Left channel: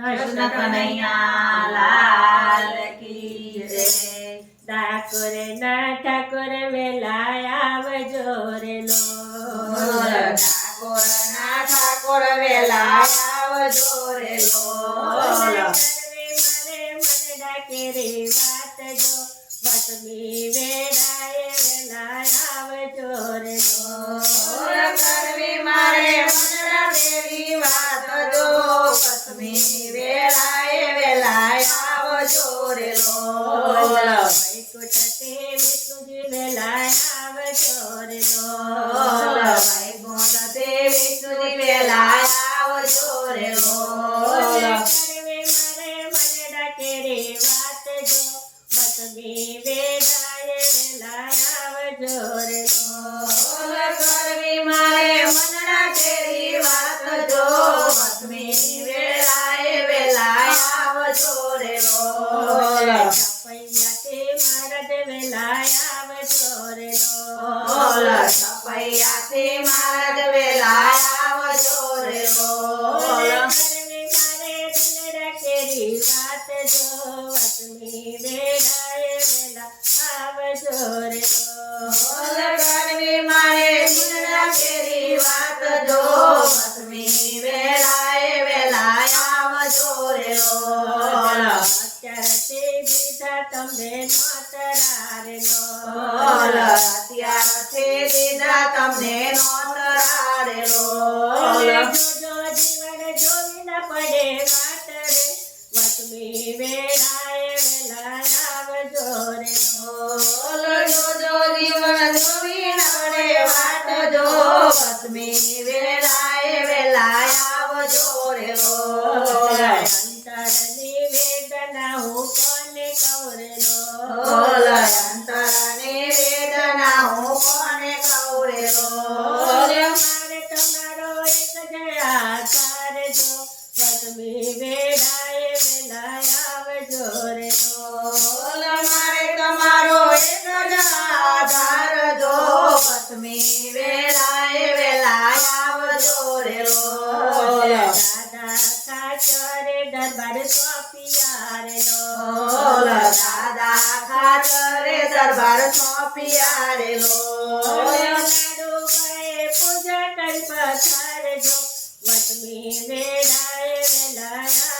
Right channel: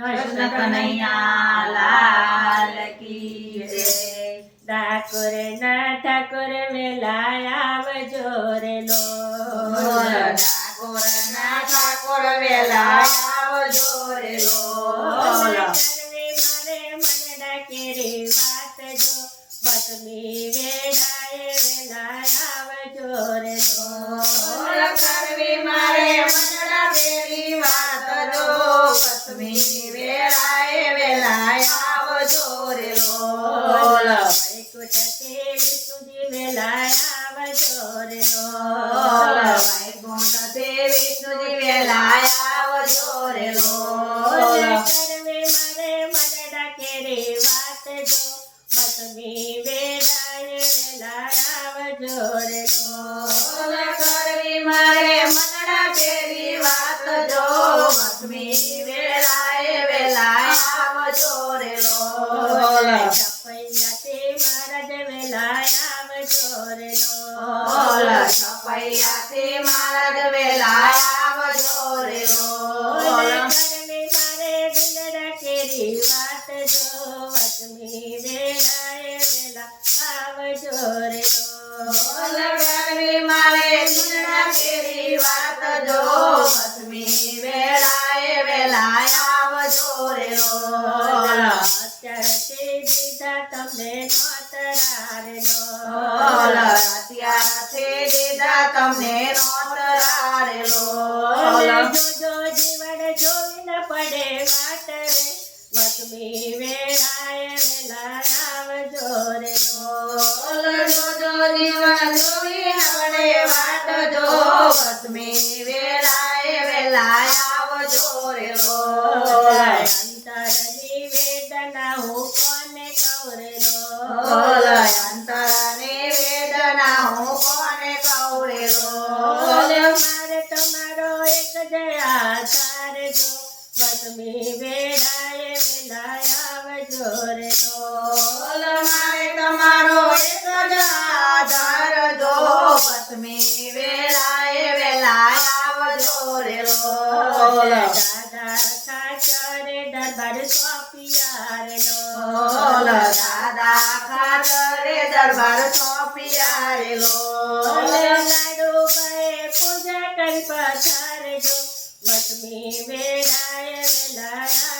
કૃષ્ણ કનૈયા લાલ કી જય ઠાકોર ના ઠાકોર વેલા આવજો રે લો ઠાકોર ના ઠાકોર વેલા આવજો રે લોલ કરવી મારે મન ડાકે રે વાત જો વતમી વેડાએ વેલા આવજો રે લો से विष्णु जी फैलाया वो ज़ोर बोला। मरे मरे डके रे बात जो मत भी बेडाले फैलाया वो कर भी मारे मन डके रे बात जो मत भी बेडाले फैलाया वो ज़ोर बोला। चपैया બોલ લો છપૈયાથી મહારાજ વેલા આવજો રે લોલ કરવી મારે દિલડા કેરી વાત જો વતમી વેડાએ વેલા આવજો રે બોલ તમને નોતરારે લોલ લો અત્યારથી દીધા તમને નોતરા રે લોલ જોજો જીવન જોવી ન પડે વાટ રે વતમી વેળાએ વેલા આવજો રે બોલ જોજો જીવન જોવી નવડે વાટ જો વસમી વેળાએ વેલા આવજો રે લોલ અંતરની વેદના રે બોલ લો મારે તમારો એક જ આધાર જો વસમી વેળાએ વેલા આવજો રે લોલ દાદા ખાચરે દરબાર સોંપિયા રે લોલ લો દાદા ખાતરે દરબાર સોંપિયા રે લોલ લાડુ બાએ પૂજા કરી પધારજો વતમી વેળાએ વેલા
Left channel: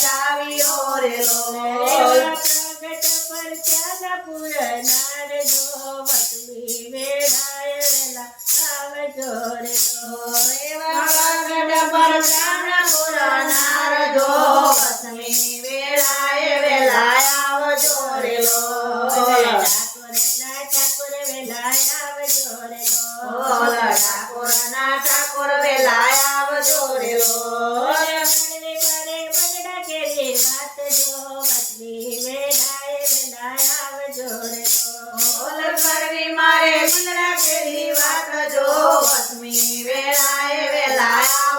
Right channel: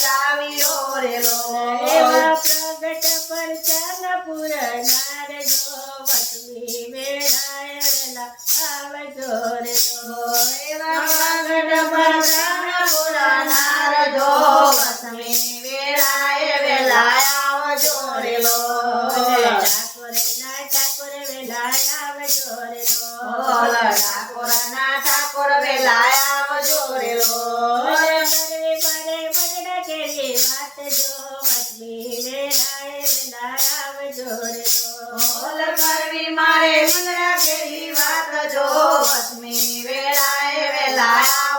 બચાવ્યો રે લો 来！